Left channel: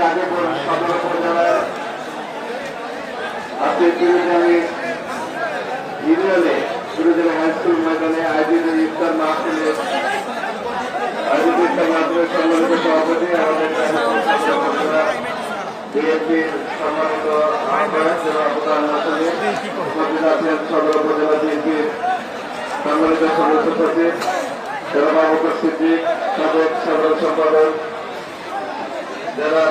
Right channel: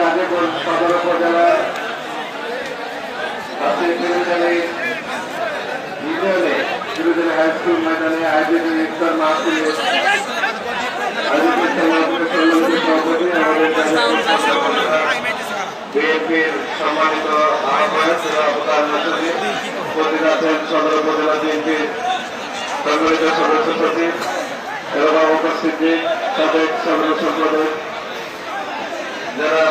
গাজীপুর সদর উপজেলার আজকে তিরুজানি ইউনিয়নে তিরুজানি হাই স্কুল ময়দানে আয়োজিত ইফতার মাহফিলে বিএনপির সম্মানিত আহ্বায়ক প্রধানমন্ত্রী উপস্থিত আছেন সদর উপজেলা বিএনপির সম্মানিত সদস্য সচিব বাবুকর সিদ্দিক সাবেক সদর সম্পাদক যারা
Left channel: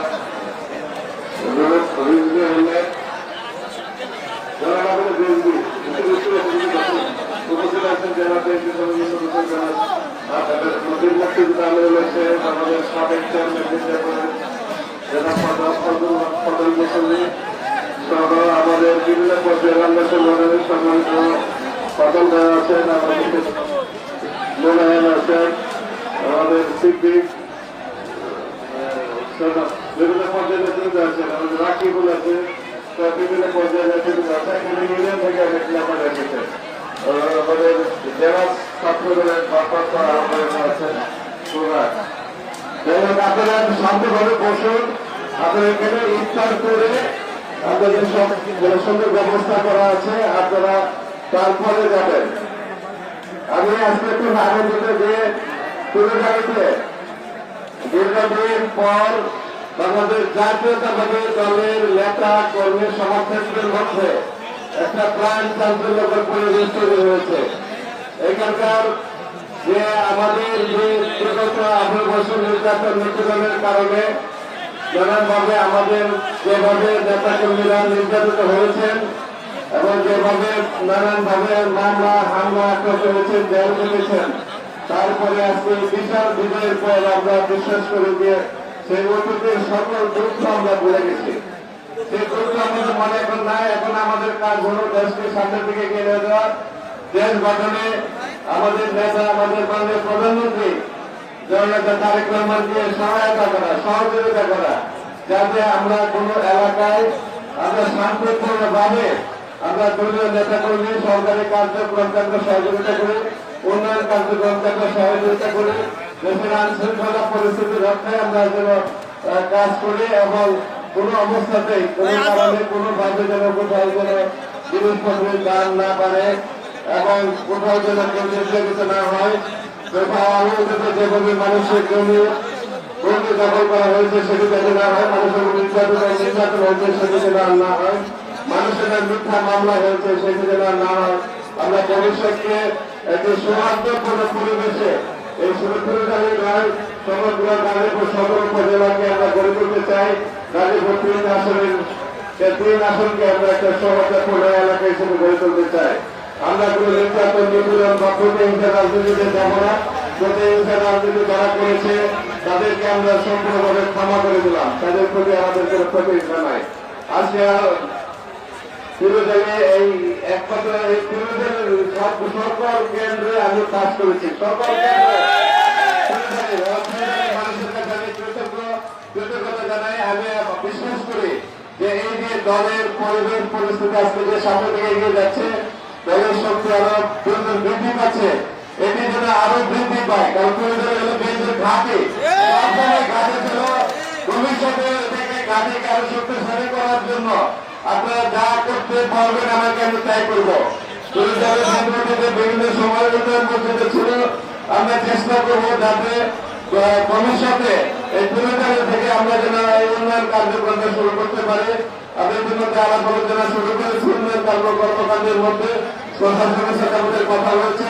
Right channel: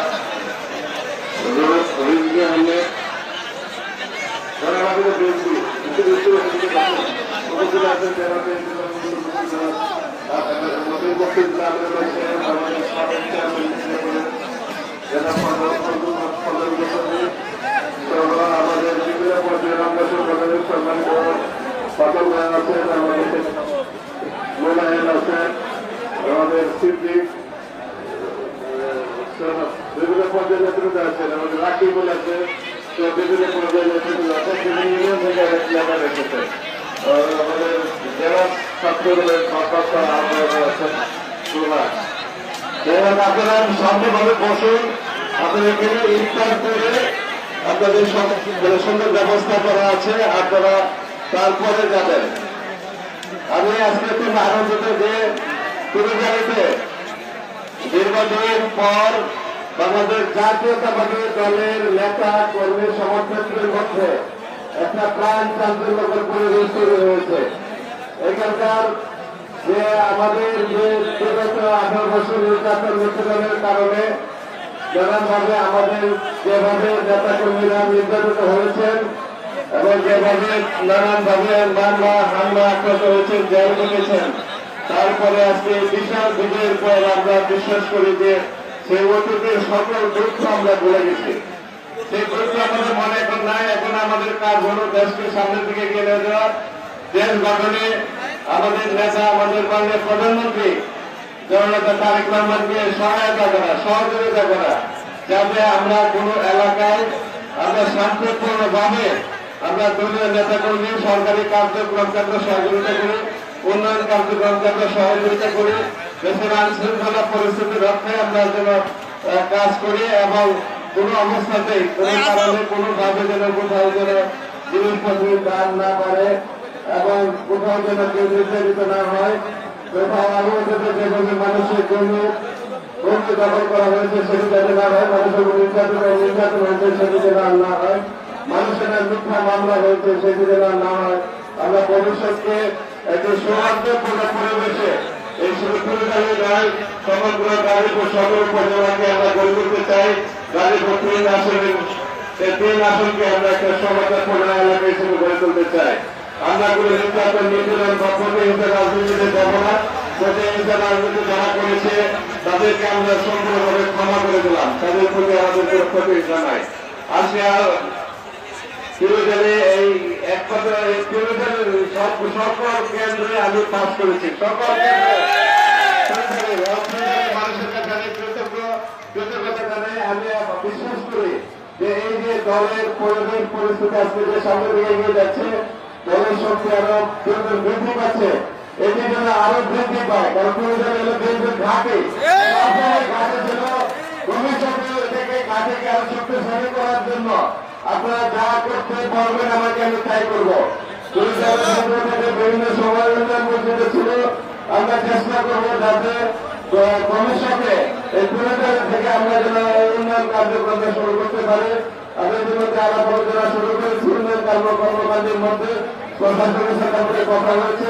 হলে বিএনপি উপস্থিত আছেন যারা আমাদের সাবেক আমাদের বিভিন্ন পর্যায়ে আমরা সম্মানিত সকল ভাই আছেন আমাদের মোলায়েম আছেন আমাদের সিদ্দিক বিভিন্ন পর্যায়ে নেতৃত্ব আছেন আমাদের রাকিবুল আছে বিভিন্ন পর্যায়ে নেতৃত্ব আছেন রেখেছেন আমাদের জেলা ছাত্র দলের আছেন আপনারা শান্তভাবে বসুন আপনাদের এখানে ইফতার করে আপনাদের সব সুন্দর ব্যবস্থা করা আছে আপনারা তারপরে যাবেন। আমি আজকে খুব আনন্দিত যে তিরুজানিতে দীর্ঘদিন পর বাংলাদেশ জাতীয়তাবাদী দলের নেতা কর্মী সমর্থকদের মধ্যে একটা প্রাণ চাঞ্চল্যকর পরিবেশ তৈরি হয়েছে। এখানকার যে আমাদের যে বিগত 18 বছর নির্যাতন নিপীড়নের কারণে নানানভাবে আমাদের যেভাবে নেতা কর্মীরা নির্যাতিত হয়েছেন এবং যেভাবে নানানভাবে মামলা হামলা আক্রান্ত হয়েছেন জেল কেটেছেন, তারপরে আজকে বিশাল বিজয়ের পর আমরা বিশ্বাস করি যে সেই অতীতের সকল দুঃখ আমরা ভুলে গেছি। সেই দুঃখ আমাদের মনে এখন নাই। এখন আমাদের কাজ হল দেশকে সামনের দিকে এগিয়ে নিয়ে যাওয়া, দেশ গঠনে আমাদের নেতা আমাদের বাংলাদেশ প্রধানমন্ত্রী জননেতা তারেক রহমানকে সহায়তা করা, সহযোগিতা করা, যাতে আমরা কোন এলাকায় আমরা শান্তিপূর্ণভাবে আমরা দলীয় নেতা কর্মী সরকারি কার্যক্রম কেন্দ্র সহযোগিতা করি, উন্নয়ন কার্যক্রম কেন্দ্র সহযোগিতা করি, দেশের আইন শৃঙ্খলা পরিস্থিতি রক্ষায় আমরা যেন কাজ করি এবং কোন অবস্থাতেই কোন কারণে কোনোভাবে যেন কোথাও যেন জিনিসপত্রের দাম না পারে এবং কোথাও যেন কেউ নির্যাতিত না হয়। কোথাও অনিয়ন্ত্রিত যেভাবে মানুষের জমি বন্ধু দখল করা হয়েছে সেটি যাতে না হয়, মানুষের নির্যাতন হয়েছে সেটি যেন না হয়, মানুষের মিথ্যা মামলা হয়েছে সেটি যেন না হয়। আমরা ভবিষ্যৎকে একটি সৌহার্দ্যপূর্ণ পরিবেশে এই শুধু তিরুজানি নয় সমগ্র গাজীপুর সদর উপজেলাকে আমরা গড়ে তুলতে চাই। গাজীপুর 3 আসনকে আমরা একটা সৌহার্দ্যপূর্ণ এলাকা হিসেবে গড়ে তুলতে চাই। আমরা কোন নির্যাতন নিপীড়ন বা প্রতিহিংসা রাজনীতিতে যাব না। প্রতিহিংসা রাজনীতি যারা করেছে তাদেরকে আমরা সম্পূর্ণভাবে ক্ষমা করে দিলাম, তাদের প্রতি আমাদের প্রতিহিংসা নাই। আজকে তিরুজানি এই এক কথা সকল কেন্দ্রে আমি পাস করেছি, সকল মানুষের কাছে আমি কৃতজ্ঞতা জানাই। আমি বিশ্বাস করি যে এই যে দলের পরিবেশ পরিস্থিতি আজকে যে সামনে দিকে এগিয়ে যাচ্ছে, দলের শক্তি আরো বৃদ্ধি পাচ্ছে, এটি যেন আরো বৃদ্ধি পায়। কারণ তিরুজানি হলো বিএনপির ঘাঁটি, ভবিষ্যতে থেকে ঘাঁটিকে আরো শক্তিশালী করার জন্য আপনারা যা করতে পারবেন আমাকে আমি তাই করবো। বিভিন্ন সময় মধ্যে ছিল, আমরা চেষ্টা করবো যাতে ভবিষ্যতে এই তিরুজানি থেকে আমরা যেন উন্নয়ন কার্যক্রম শুরু করতে পারি। তাদের জন্য যারা পরিচালনা শুরু করেছে উন্নয়ন কর্মকাণ্ডের মধ্যে প্রশাসনের সাথে আমাদের কথা হয়েছে।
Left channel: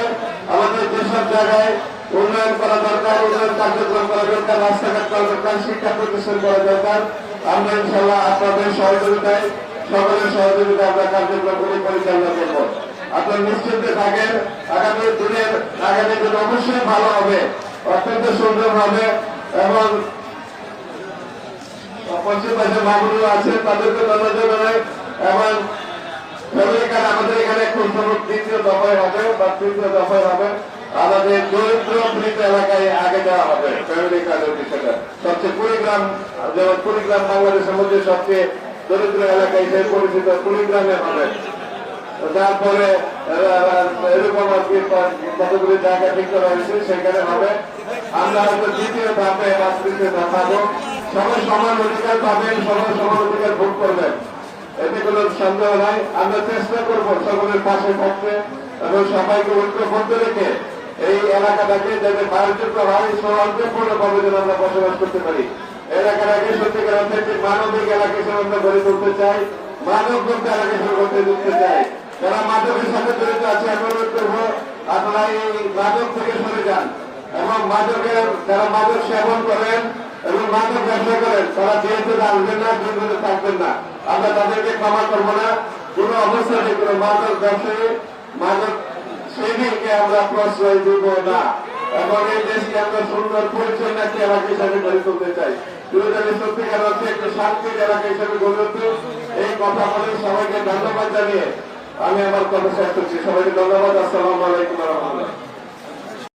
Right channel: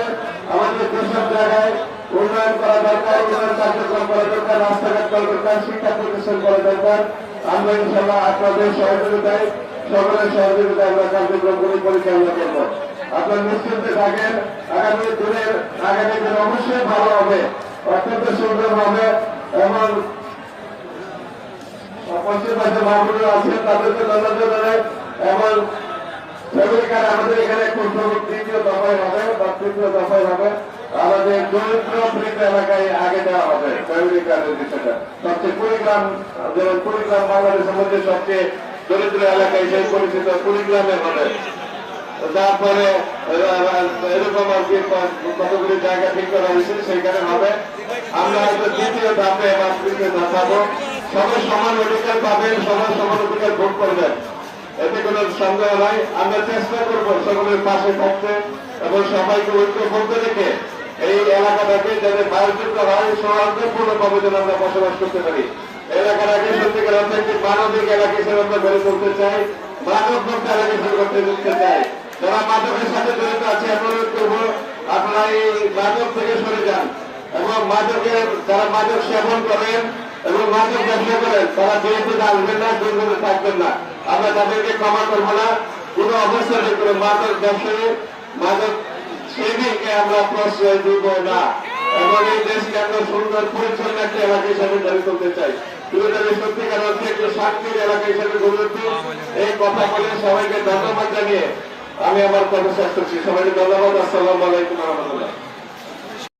আমাদের যেসব জায়গায় উন্নয়ন করা দরকার, উন্নয়ন কার্যক্রম করা দরকার, রাস্তাঘাট করা দরকার, শিক্ষা প্রতিষ্ঠান করা দরকার, আমরা ইনশাল্লাহ আপনাদের সহযোগিতায় সকলের সহযোগিতা আমরা কার্যক্রমগুলি পরিচালনা করবো। আপনার নিশ্চিন্তে থাকেন, আগামী দিনের আগামী দিন অবশ্যই ভালো হবে, অত্যন্ত সুন্দর হবে এবং পশ্চিম পাশে মাগুরি আছে তাদেরকে ধন্যবাদ জানাই এবং আমাদের এখানে খুব তৃতীয় দফায় হবে বা তৃতীয় দফায় হবে আমাদের দরিদ্র পীড়িত এলাকায় আগে দেওয়া হবে ফ্যামিলি কার্ডের বিষয়টা। সবচেয়ে কুড়িগ্রাম, যেমন কুড়িগ্রাম বাংলাদেশের মধ্যে সবচেয়ে দরিদ্র এলাকায় যে পরিচিত কুড়িগ্রামে হবে। তারপরে এরকম আর কি কতগুলি জায়গা ঠিক করা হয়েছে সেখানে হবে। আমরা হয়তো দ্বিতীয় ধাপে বা তৃতীয় ধাপ পাবো। সবাই সমান অধিকার পাবেন, সবাই সমান অধিকার ভোগ করবেন, এতে কোনো সন্দেহ নাই। আমরা চেষ্টা করবো সকলের পাশে থাকতে এবং সবাইকে ঐক্যবদ্ধ রেখে এই এলাকাটাকে যাতে বায়োযোগ্য হয়, সৌহার্দ্যপূর্ণভাবে যেন আমরা বসবাস করতে পারি। এলাকাটাকে সত্যিকার অর্থে একটি মানবিক এলাকা হিসেবে আমরা গড়ে তুলতে চাই, মানব মুক্ত এলাকা হিসেবে গড়ে তুলতে চাই। যারা মাদকের সাথে জড়িত আছে অনুরোধ করবো আপনারা এই মাদক থেকে সরে যান এবং যারা মাদক সেবন করেন এবং মাদক ব্যবসা করেন তারা যেহেতু আসবেন না, দুর্নীতি থাকবেন না। আমরা তাদেরকে ক্ষমা করবো না, কোন অবস্থাতে কোন মাদক ব্যবসায়ী মাদক সেদিনকে আমরা প্রশ্রয় দিব না এবং এই দেশকে আমরা সুন্দর পরিচ্ছন্ন একটি এলাকা হিসাবে গড়ে তুলতে চাই। সত্যিকার অর্থে একটি শান্তির এলাকা হিসেবে গড়ে তুলতে এই কথা বলে সবাইকে ধন্যবাদ জানিয়ে আমি আমার কথা শেষ করছি। সবাইকে ধন্যবাদ। আসসালামু আলাইকুম ওয়া রাহমাতুল্লাহ।